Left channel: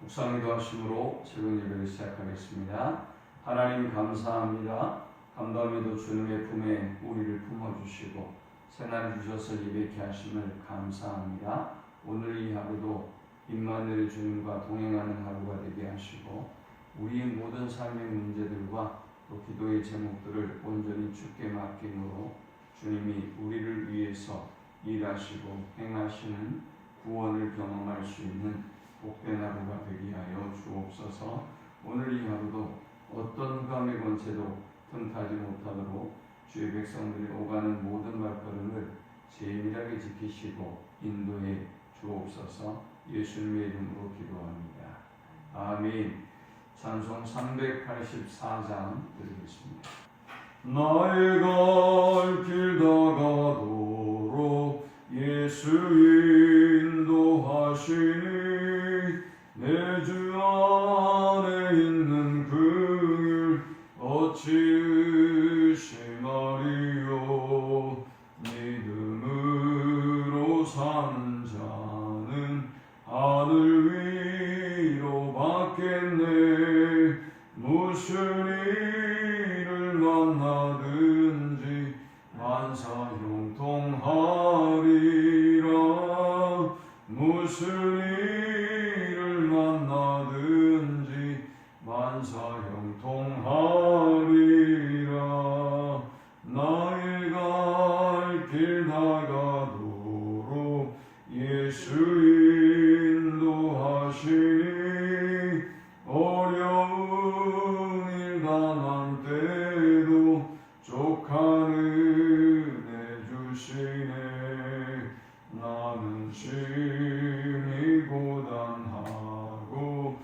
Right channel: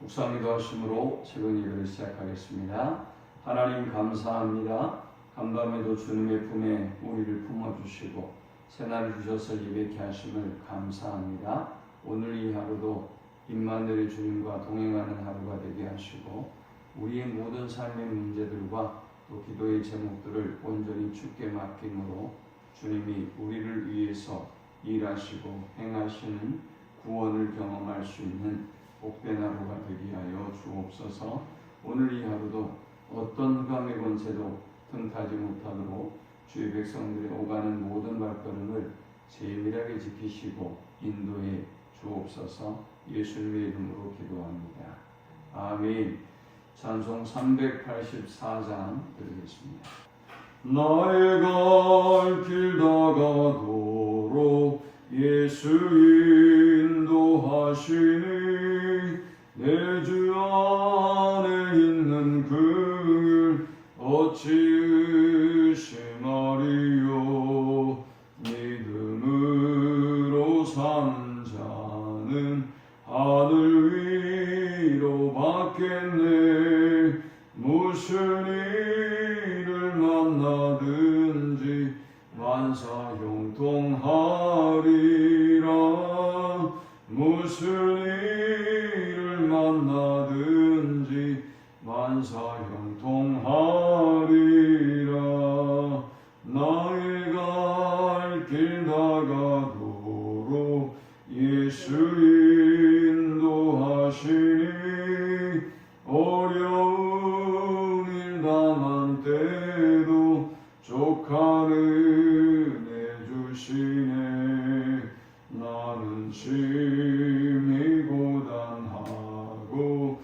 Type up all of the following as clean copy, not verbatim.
묵상기도 하심으로 새벽 예배를 시작하겠습니다. 하나님 감사합니다. 감동에도 주님의 품에 우리를 품어주시고 새날 주셔서 예배케 하심을 감사합니다. 오늘 이 하루도 임마누엘 주님과 동행하는 하루가 되게 하시고 우리의 모든 삶의 문제들과 또 기도의 제목들을 온전히 주께 맡김으로 주님이 우리를 위해서 일하시고 행하시는 구원을 경험할 수 있는 복된 하루가 되게 하여 주옵소서. 오늘 이 하루도 어떤 감의 권세도 틈타지 못하도록 주의 백성들이 오가는 모든 발걸음을 세밀하게 지키시고 인도해 주옵소서. 예수님의 이름으로 기도합니다. 아멘. 찬송 384장 드리겠습니다. 나의 갈 길 다가도록 예수 인도하시니 내 주 안에 있는 그 길 어찌 의심하리요. 믿음으로 산 자는 하늘 위로 받겠네. 무슨 일을 만나든지 만사형통하리라. 무슨 일을 만나든지 만사형통하리라. 나의 갈 길 다가도록 예수 인도하시니 어려운 일 당한 때도 족한 은혜 주시네. 나는 심히 고단하고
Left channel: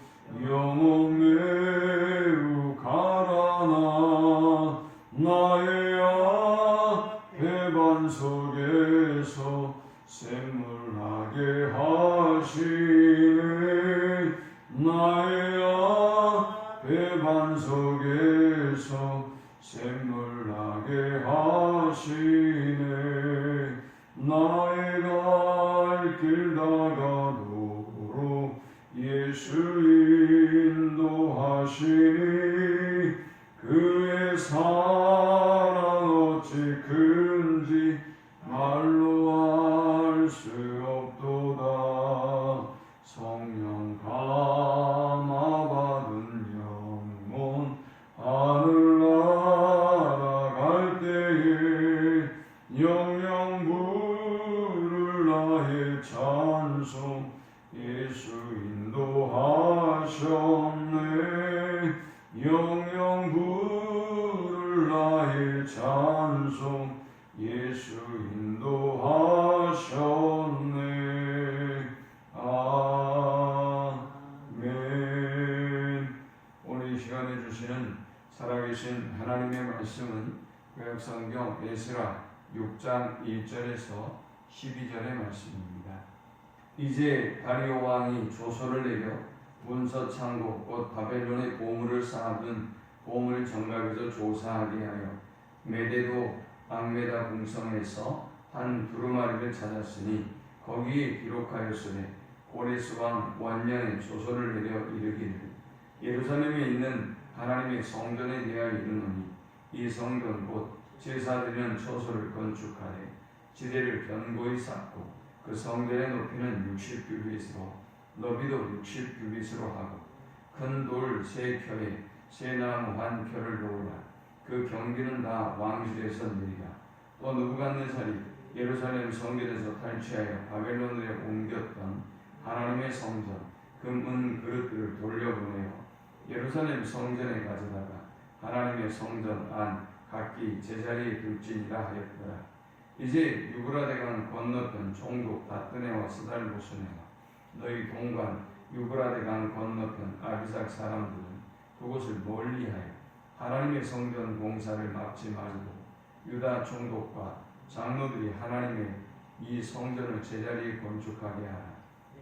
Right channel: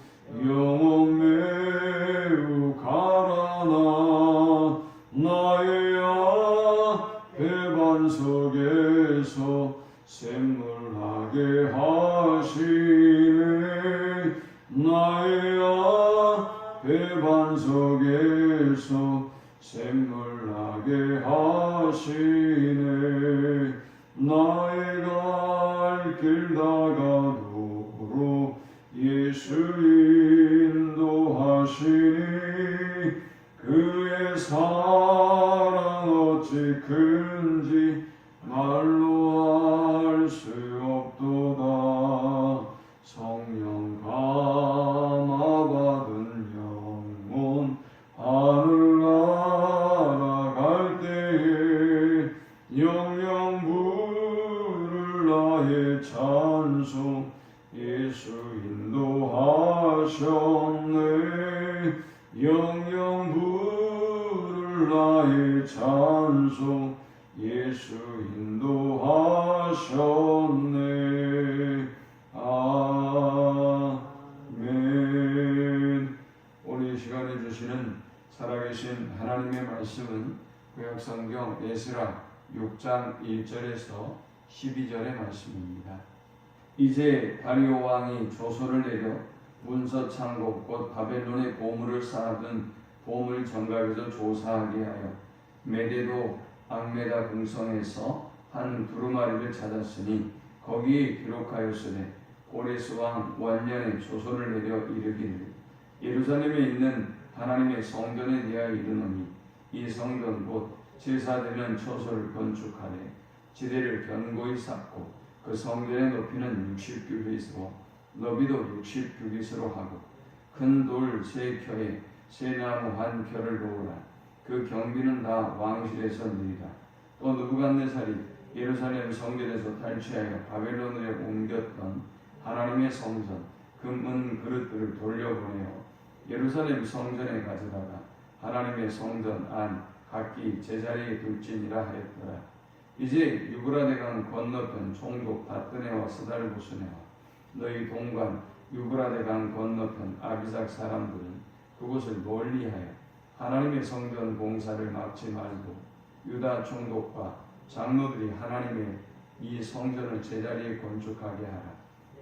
영혼 매우 가라나 나의 앞에 반석에서 샘물하게 하시네. 나의 앞에 반석에서 샘물나게 하시네. 나의 갈 길 다가도록 예수 인도하시니 그의 사랑 어찌 큰지 말로 알 수 없도다. 성령 감화받은 영혼 하늘 날아갈 때에 영영 부를 나의 찬송 예수 인도하셨네. 영영 부를 나의 찬송 예수 인도하셨네. 아멘. 오늘 이 시간에 주시는 살아계신 하나님의 말씀은 구약성경 에스라 6장 1절에서 12절의 말씀입니다. 이제 다리오 왕이 조서를 내려 문서 창고 곧 바벨론의 보물을 쌓아둔 보물 정각에서 조사하게 하여 메데도 악메다 궁성에서 한 두루마리를 찾았으니 거기에 기록하였으되 고레스 왕 원년에 조서를 내려 이르기를 예루살렘에 있는 하나님의 성전에 대하여 이르노니 이 성전 곧 제사드리는 처소를 건축하되 지대를 견고히 쌓고 그 성전의 높이는 60규빗으로 너비도 60규빗으로 하고 큰 돌 3켜에 쇠나무 1켜를 놓으라. 그 경비는 다 왕실에서 느리다. 또 느부갓네살이 예루살렘 성전에서 탈취하여 바벨론에 옮겼던 하나님의 성전 금, 은 그릇들을 돌려보내어 예루살렘 성전에 가져다가 하나님의 성전 안 각기 제자리에 둘지니라 하였더라. 이제 유브라데강 건너편 총독 다뜨네와 스달보스네와 너희 동관 유브라데강 건너편 아비삭 사람들은 그곳을 멀리하여 하나님의 성전 공사를 막지 말고 유다 총독과 장로들이 하나님의 이 성전을 제자리에 건축하게 하라.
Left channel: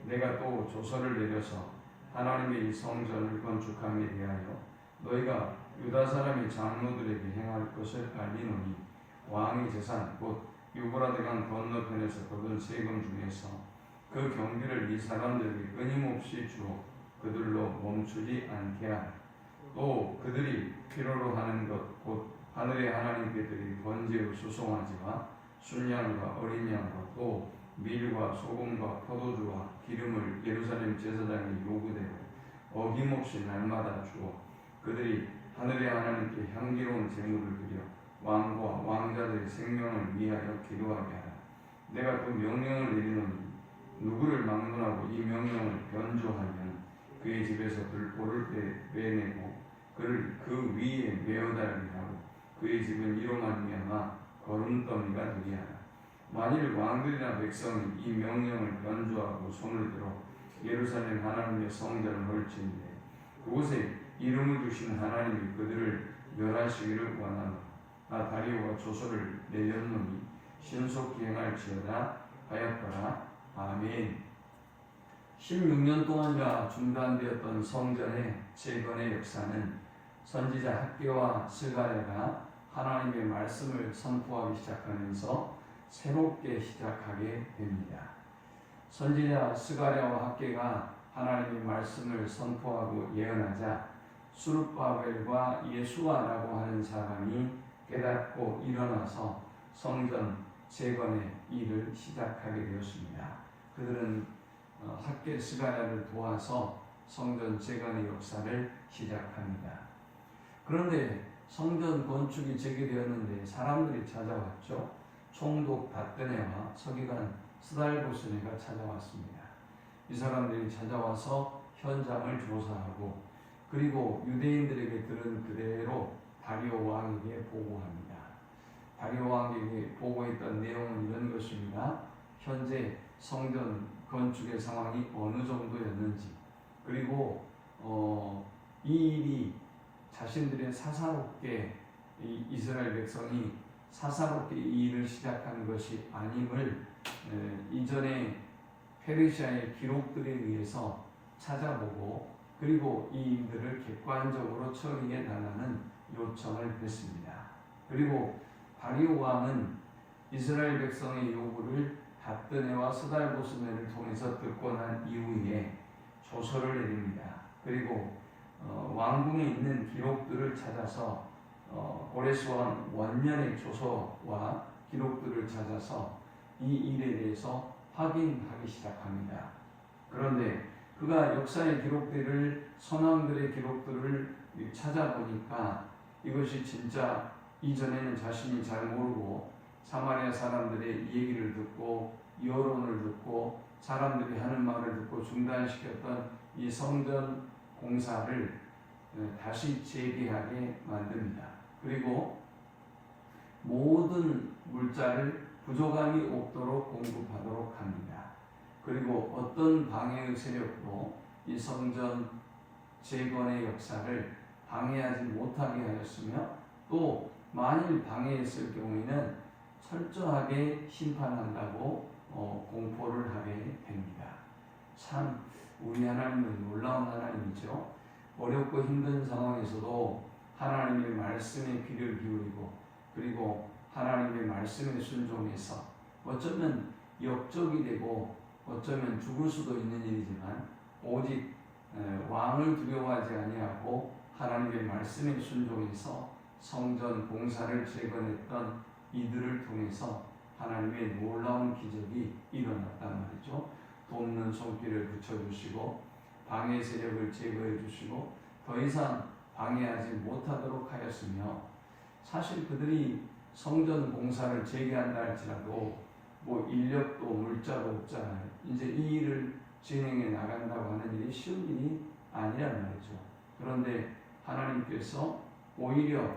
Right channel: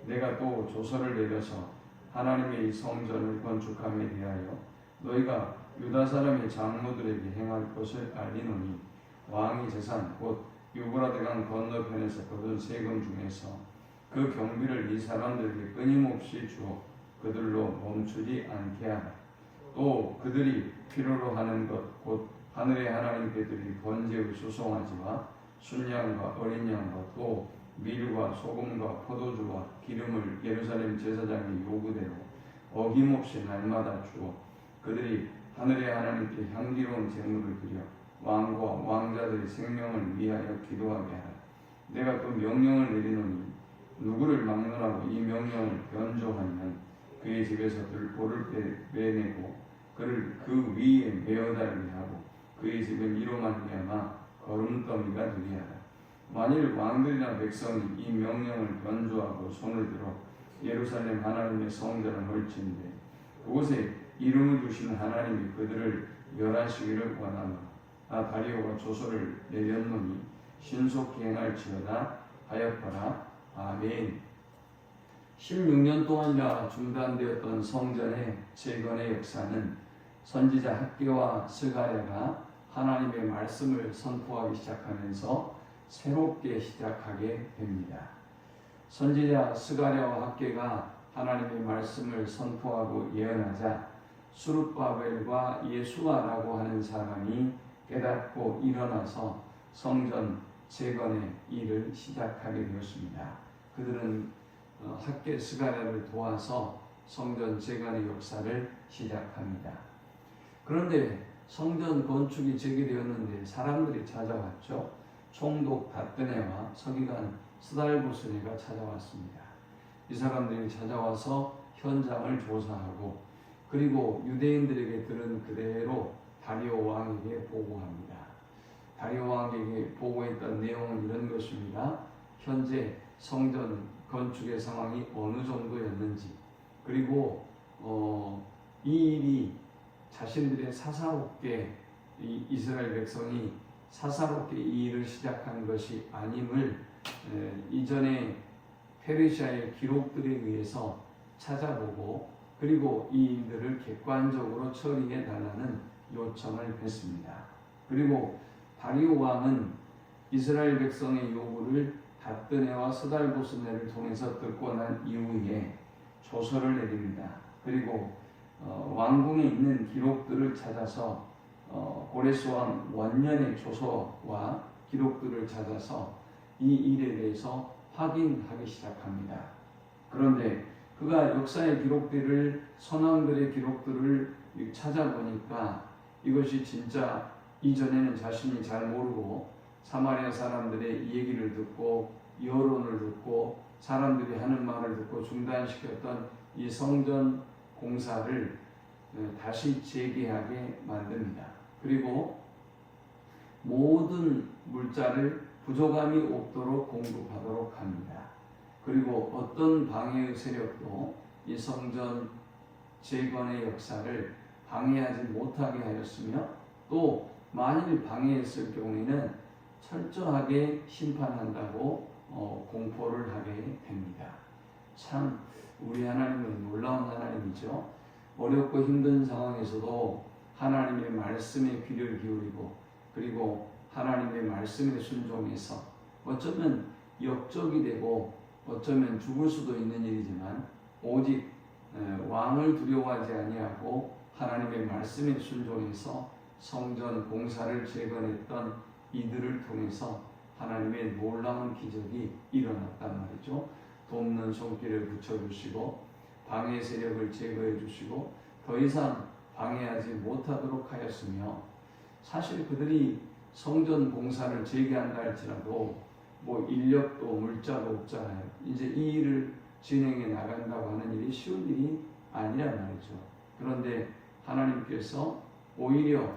내가 또 조서를 내려서 하나님의 이 성전을 건축함에 대하여 너희가 유다 사람의 장로들에게 행할 것을 알리노니 왕의 재산 곧 유브라데강 건너편에서 거둔 세금 중에서 그 경비를 이 사람들에게 끊임없이 주어 그들로 멈추지 않게 하라. 또 그들이 필요로 하는 것 곧 하늘의 하나님께 드릴 번제의 수송아지와 순양과 어린 양과 또 밀과 소금과 포도주와 기름을 예루살렘 제사장의 요구대로 어김없이 날마다 주어 그들이 하늘의 하나님께 향기로운 제물을 드려 왕과 왕자들의 생명을 위하여 기도하게 하라. 내가 또 명령을 내리노니 누구를 막론하고 이 명령을 변조하면 그의 집에서 들보를 빼내고 그를 그 위에 메어달게 하고 그의 집은 이로 말미암아 거름더미가 되게 하라. 만일 왕들이나 백성이 이 명령을 변조하고 손을 들어 예루살렘 하나님의 성전을 헐친데 그곳에 이름을 두신 하나님이 그들을 멸하시기를 원하노라. 다리오가 조서를 내렸노니 신속히 행할지어다 하였더라. 아멘. 16년 동안이나 중단되었던 성전의 재건의 역사는 선지자 학개와 스가랴가 하나님의 말씀을 선포하기 시작하면서 새롭게 시작하게 됩니다. 선지자 스가랴와 학개가 하나님의 말씀을 선포하고 예언하자 수룹바벨과 예수아라고 하는 사람이 깨닫고 일어나서 성전 재건의 일을 시작하게 되었습니다. 그들은 학개 스가랴를 도와서 성전 재건의 역사를 시작합니다. 그런데 성전 건축이 재개되었는데 사람들이 찾아왔죠. 총독 닷드네와 서기관 스달보스네가 찾아왔습니다. 이 사람들이 찾아와서 현장을 조사하고 그리고 유대인들에게 들은 그대로 다리오 왕에게 보고합니다. 다리오 왕에게 보고했던 내용은 이런 것입니다. 현재 성전 건축의 상황이 어느 정도였는지 그리고 이 일이 자신들의 사사롭게 이스라엘 백성이 사사롭게 이 일을 시작한 것이 아님을 이전에 페르시아의 기록들에 의해서 찾아보고 그리고 이 일들을 객관적으로 처리해 달라는 요청을 했습니다. 그리고 다리오 왕은 이스라엘 백성의 요구를 닷드네와 스달보스네를 통해서 듣고 난 이후에 조서를 내립니다. 그리고 왕궁에 있는 기록들을 찾아서 고레스 왕 원년의 조서와 기록들을 찾아서 이 일에 대해서 확인하기 시작합니다. 그런데 그가 역사의 기록들을 선왕들의 기록들을 찾아보니까 이것이 진짜 이전에는 자신이 잘 모르고 사마리아 사람들의 얘기를 듣고 여론을 듣고 사람들이 하는 말을 듣고 중단시켰던 이 성전 공사를 다시 재개하게 만듭니다. 그리고 모든 물자를 부족함이 없도록 공급하도록 합니다. 그리고 어떤 방해의 세력도 이 성전 재건의 역사를 방해하지 못하게 하였으며 또 만일 방해했을 경우에는 철저하게 심판한다고 공포를 하게 됩니다. 참 우리 하나님은 놀라운 하나님이죠. 어렵고 힘든 상황에서도 하나님의 말씀에 귀를 기울이고 그리고 하나님의 말씀에 순종해서 어쩌면 역적이 되고 어쩌면 죽을 수도 있는 일이지만 오직 왕을 두려워하지 아니하고 하나님의 말씀에 순종해서 성전 공사를 재건했던 이들을 통해서 하나님의 놀라운 기적이 일어났단 말이죠. 돕는 손길을 붙여주시고 방해 세력을 제거해 주시고 더 이상 방해하지 못하도록 하였으며 사실 그들이 성전 공사를 재개한다 할지라도 뭐 인력도 물자도 없잖아요. 이제 이 일을 진행해 나간다고 하는 일이 쉬운 일이 아니란 말이죠. 그런데 하나님께서 오히려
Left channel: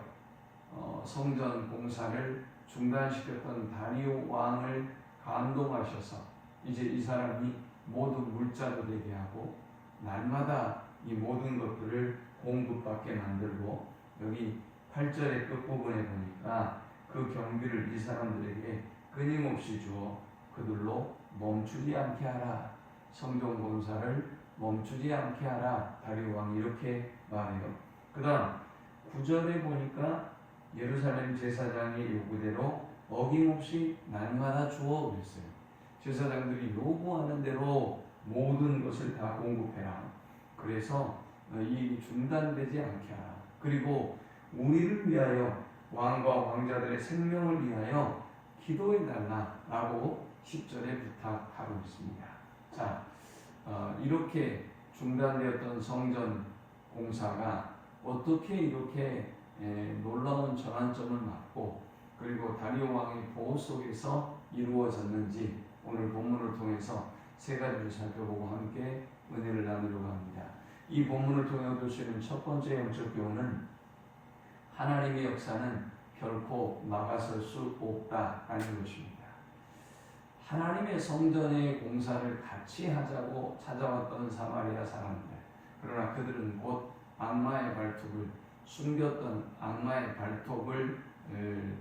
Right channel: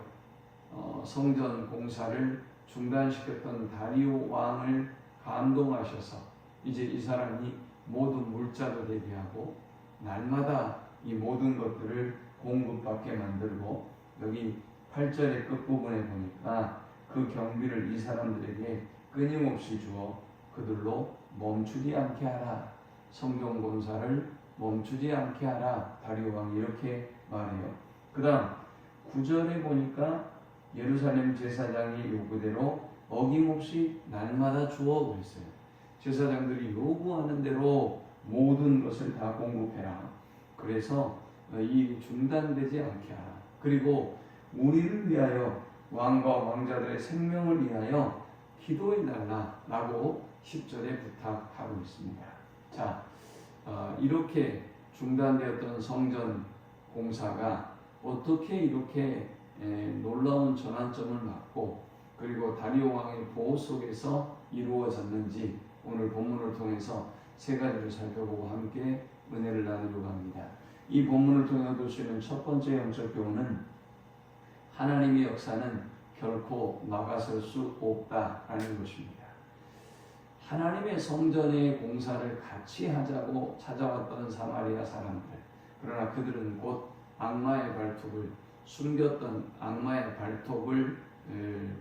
성전 공사를 중단시켰던 다리오 왕을 감동하셔서 이제 이 사람이 모든 물자도 되게 하고 날마다 이 모든 것들을 공급받게 만들고 여기 8절의 끝부분에 보니까 그 경비를 이 사람들에게 끊임없이 주어 그들로 멈추지 않게 하라. 성전 공사를 멈추지 않게 하라. 다리오 왕이 이렇게 말해요. 그 다음 9절에 보니까 예루살렘 제사장의 요구대로 어김없이 날마다 주어 그랬어요. 제사장들이 요구하는 대로 모든 것을 다 공급해라. 그래서 이 중단되지 않게 하라. 그리고 우리를 위하여 왕과 왕자들의 생명을 위하여 기도해 달라라고 10절에 부탁하고 있습니다. 자, 이렇게 중단되었던 성전 공사가 어떻게 이렇게 놀라운 전환점을 맞고 그리고 다리오 왕의 보호 속에서 이루어졌는지 오늘 본문을 통해서 세 가지를 살펴보고 함께 은혜를 나누려고 합니다. 이 본문을 통해 얻을 수 있는 첫 번째 영적 교훈은 하나님의 역사는 결코 막아설 수 없다라는 것입니다. 하나님의 성전의 공사를 같이 하자고 찾아왔던 사마리아 사람들, 그러나 그들은 곧 악마의 발톱을 숨겼던 악마의 발톱을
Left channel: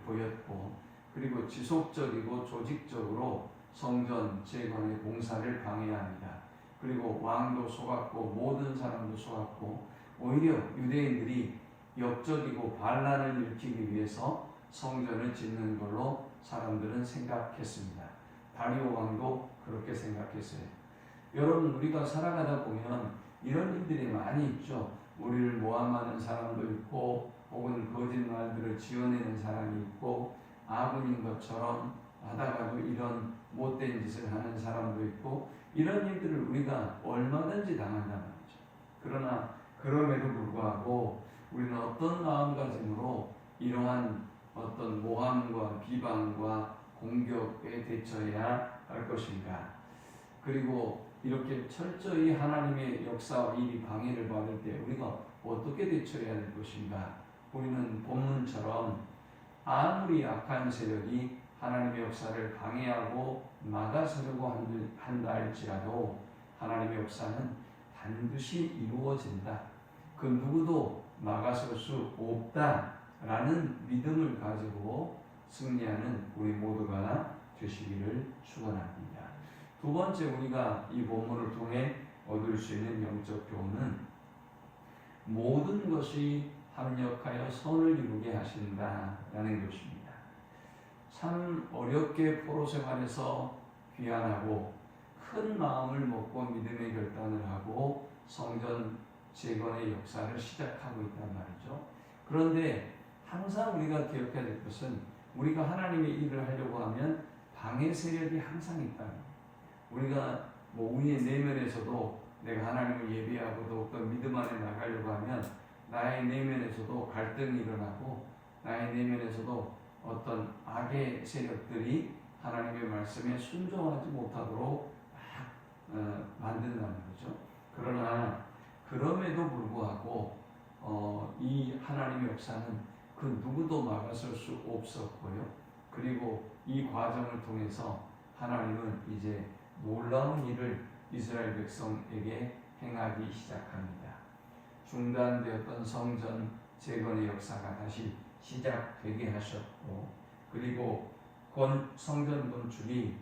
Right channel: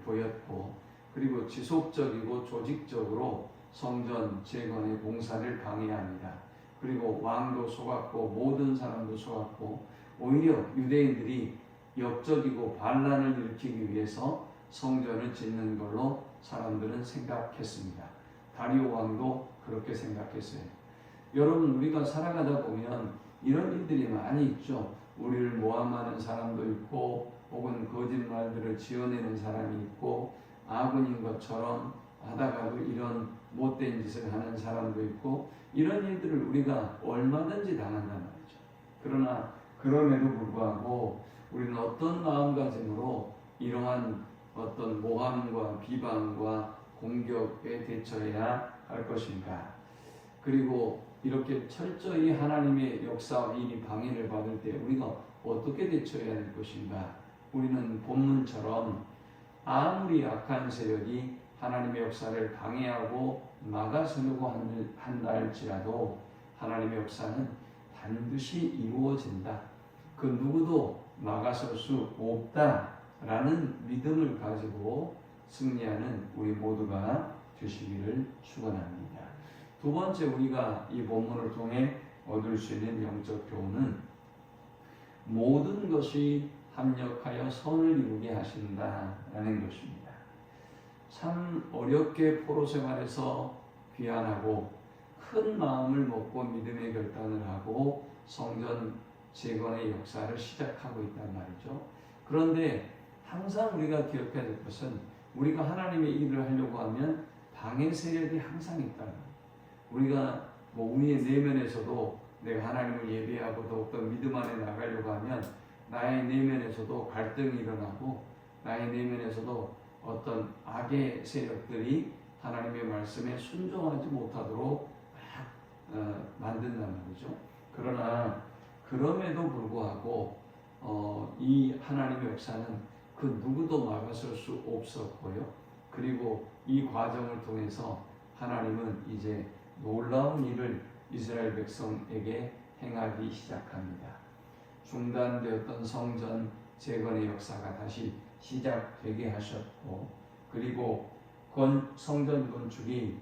보였고 그리고 지속적이고 조직적으로 성전 재건의 공사를 방해합니다. 그리고 왕도 속았고 모든 사람도 속았고 오히려 유대인들이 역적이고 반란을 일으키기 위해서 성전을 짓는 걸로 사람들은 생각했습니다. 다리오 왕도 그렇게 생각했어요. 여러분, 우리가 살아가다 보면 이런 일들이 많이 있죠. 우리를 모함하는 사람도 있고 혹은 거짓말들을 지어내는 사람이 있고 아군인 것처럼 하다가도 이런 못된 짓을 하는 사람도 있고 이런 일들을 우리가 얼마든지 당한단 말이죠. 그러나 그럼에도 불구하고 우리는 어떤 마음가짐으로 이러한 어떤 모함과 비방과 공격에 대처해야 할 것인가? 그리고 이렇게 철저히 하나님의 역사와 일이 방해를 받을 때 우리가 어떻게 대처해야 할 것인가? 우리는 본문처럼 아무리 악한 세력이 하나님의 역사를 방해하고 막아서려고 한다 할지라도 하나님의 역사는 반드시 이루어진다. 그 누구도 막아설 수 없다라는 믿음을 가지고 승리하는 우리 모두가 되시기를 축원합니다. 두 번째, 우리가 이 본문을 통해 얻을 수 있는 영적 교훈은 모든 것이 합력하여 선을 이루게 하신다라는 것입니다. 참 어렵게 포로 생활에서 귀환하고 큰 마음을 먹고 믿음의 결단을 하고 성전 재건의 역사를 시작하고 있단 말이죠. 그런데 항상 우리가 기억해야 될 것은 우리가 하나님의 일을 하려고 하면 방해 세력이 항상 있다는 거예요. 우리가 우리의 내면에서도 내가 하나님을 예배하고 더욱더 믿음 안에 나가려고 하면 나의 내면에서도 갈등이 일어나고 나의 내면에서도 어떤 악의 세력들이 하나님의 말씀에 순종하지 못하도록 만든다는 거죠. 그러나 그럼에도 불구하고 이 하나님의 역사는 그 누구도 막아설 수 없었고요. 그리고 이 과정을 통해서 하나님은 이제 놀라운 일을 이스라엘 백성에게 행하기 시작합니다. 중단되었던 성전 재건의 역사가 다시 시작되게 하셨고 그리고 성전 건축이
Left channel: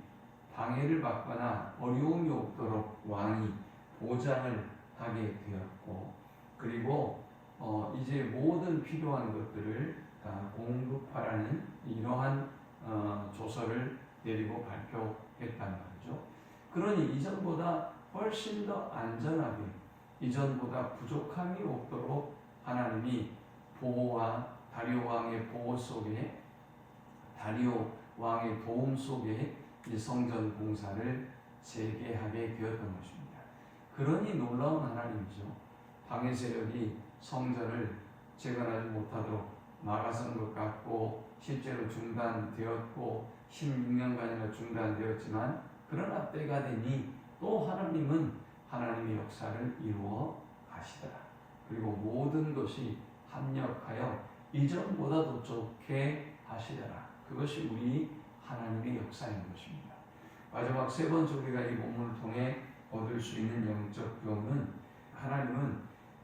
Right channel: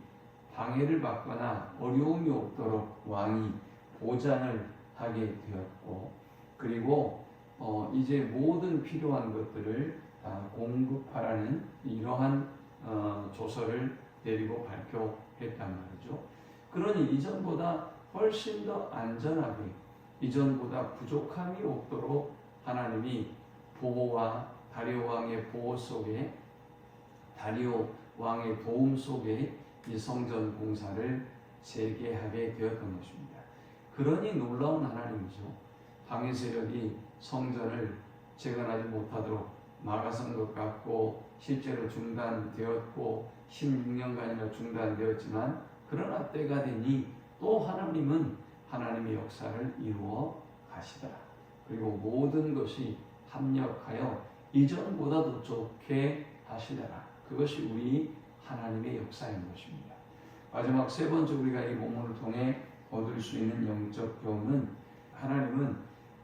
방해를 받거나 어려움이 없도록 왕이 보장을 하게 되었고 그리고 이제 모든 필요한 것들을 다 공급하라는 이러한 조서를 내리고 발표했단 말이죠. 그러니 이전보다 훨씬 더 안전하게 이전보다 부족함이 없도록 하나님이 보호와 다리오 왕의 보호 속에 다리오 왕의 도움 속에 이 성전 공사를 재개하게 되었던 것입니다. 그러니 놀라운 하나님이죠. 방해 세력이 성전을 재건하지 못하도록 막아선 것 같고 실제로 중단되었고 16년간이나 중단되었지만 그러나 때가 되니 또 하나님은 하나님의 역사를 이루어 가시더라. 그리고 모든 것이 합력하여 이전보다도 좋게 하시더라. 그것이 우리 하나님의 역사인 것입니다. 마지막 세 번째 우리가 이 본문을 통해 얻을 수 있는 영적 교훈은 하나님은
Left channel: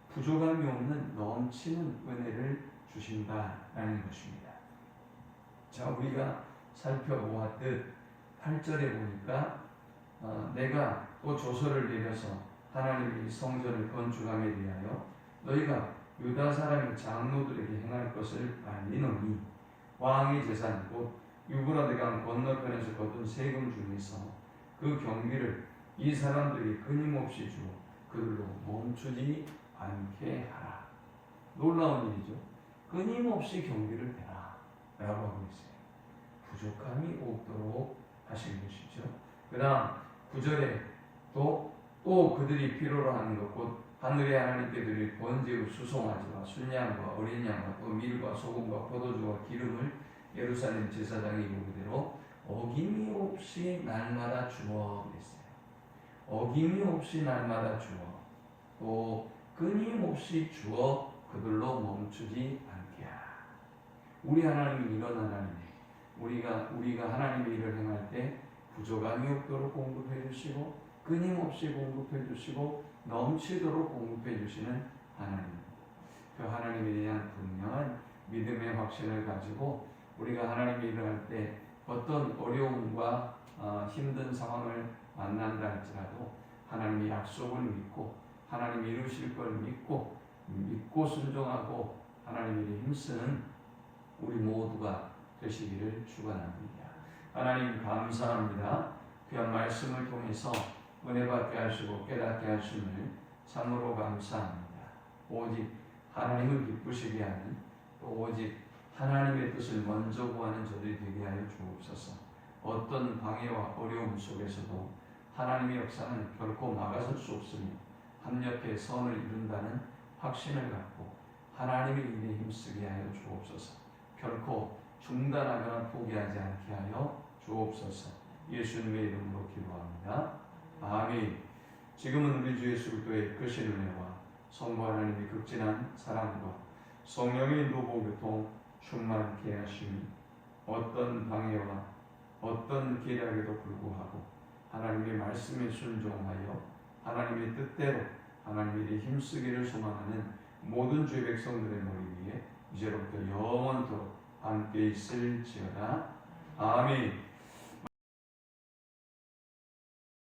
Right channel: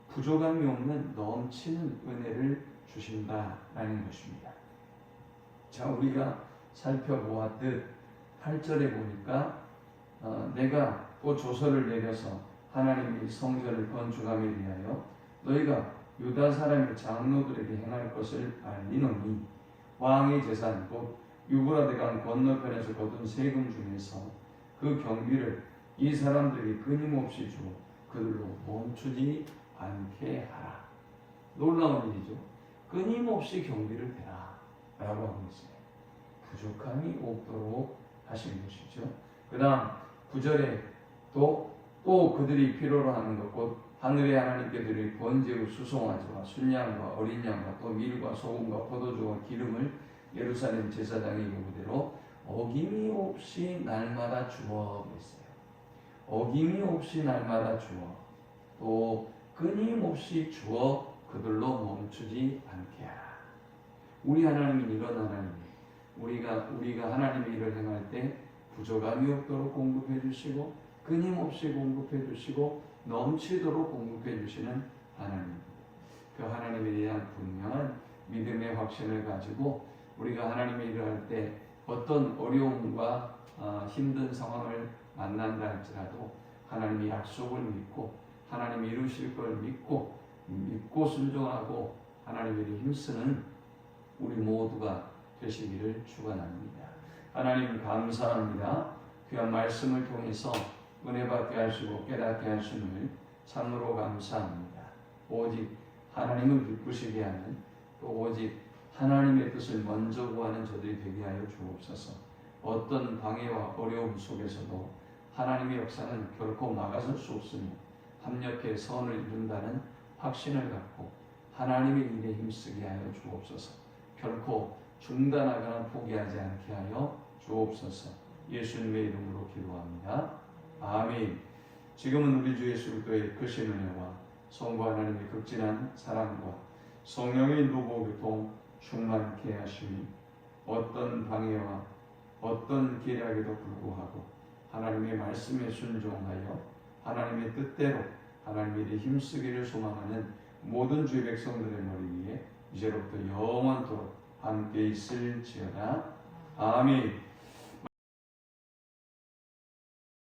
부족함이 없는 넘치는 은혜를 주신다라는 것입니다. 자, 우리가 살펴보았듯 8절에 보니까 내가 또 조서를 내려서 하나님의 성전을 건축함에 대하여 너희가 유다 사람의 장로들에게 행할 것을 알리노니 왕의 재산 곧 유브라데강 건너편에서 거둔 세금 중에서 그 경비를 이 사람들이 끊임없이 주고 그들로 멈추지 않게 하라. 놀라운 일이죠. 끊임없이 경비를 베라 라고 하고 있어요. 부족함이 없도록 하시는 것이죠. 그 다음 9절에 또 그들이 필요로 하는 것 곧 하늘의 하나님께 드릴 번제로 수송아지와 순양과 어린 양과 또 밀과 소금과 포도주와 기름을 예루살렘 제사장의 요구대로 어김이 없이 날마다 주어 그랬어요. 어김이 없이 날마다 주어 또 끊임없이 주어 그들로 멈추지 않게 하라. 우리 하나님은 이런 하나님이에요. 우리가 하나님의 일을 행할 때 부족함이 없도록 공급해 주시고 끊임없이 공급해 주시고 넘치도록 공급해 주시는 하나님입니다. 그 하나님에 대한 분명한 믿음의 확신을 가지고 우리가 하나님의 일을 할 때 어떤 어려움과 힘든 상황을 만난다 할지라도 하나님의 약속을 믿고 하나님이 이루실 걸 믿고 순종하고 하나님의 일에 힘쓰는 우리 모두가 되시기를 축원합니다. 하나님 감사합니다. 귀한 말씀을 통해서 은혜 받게 하시고 깨닫게 하심을 참으로 감사합니다. 오직 하나님을 기쁘시게 하는 또 오직 하나님의 뜻을 먼저 구하는 저들이 되게 하여 주옵소서. 어떤 방해와 어려움 속에서도 하나님의 역사는 결코 막아설 수 없으며 합력해 선을 이룬다는 확신을 갖고 하나님의 일에 힘쓰게 하여 주옵소서. 결코 중단하거나 포기하지 않게 하여 주옵소서. 예수님의 이름으로 기도합니다. 아멘. 지금은 우리 주 예수 그리스도의 크신 은혜와 성부 하나님의 극진한 사랑과 성령의 인도보 교통 충만케 하시니 어떤 방해와 어떤 계략에도 불구하고 하나님의 말씀에 순종하여 하나님의 뜻대로 하나님의 일에 힘쓰기를 소망하는 모든 주의 백성들의 머리 위에 이제로부터 영원토록 함께 있을지어다. 아멘.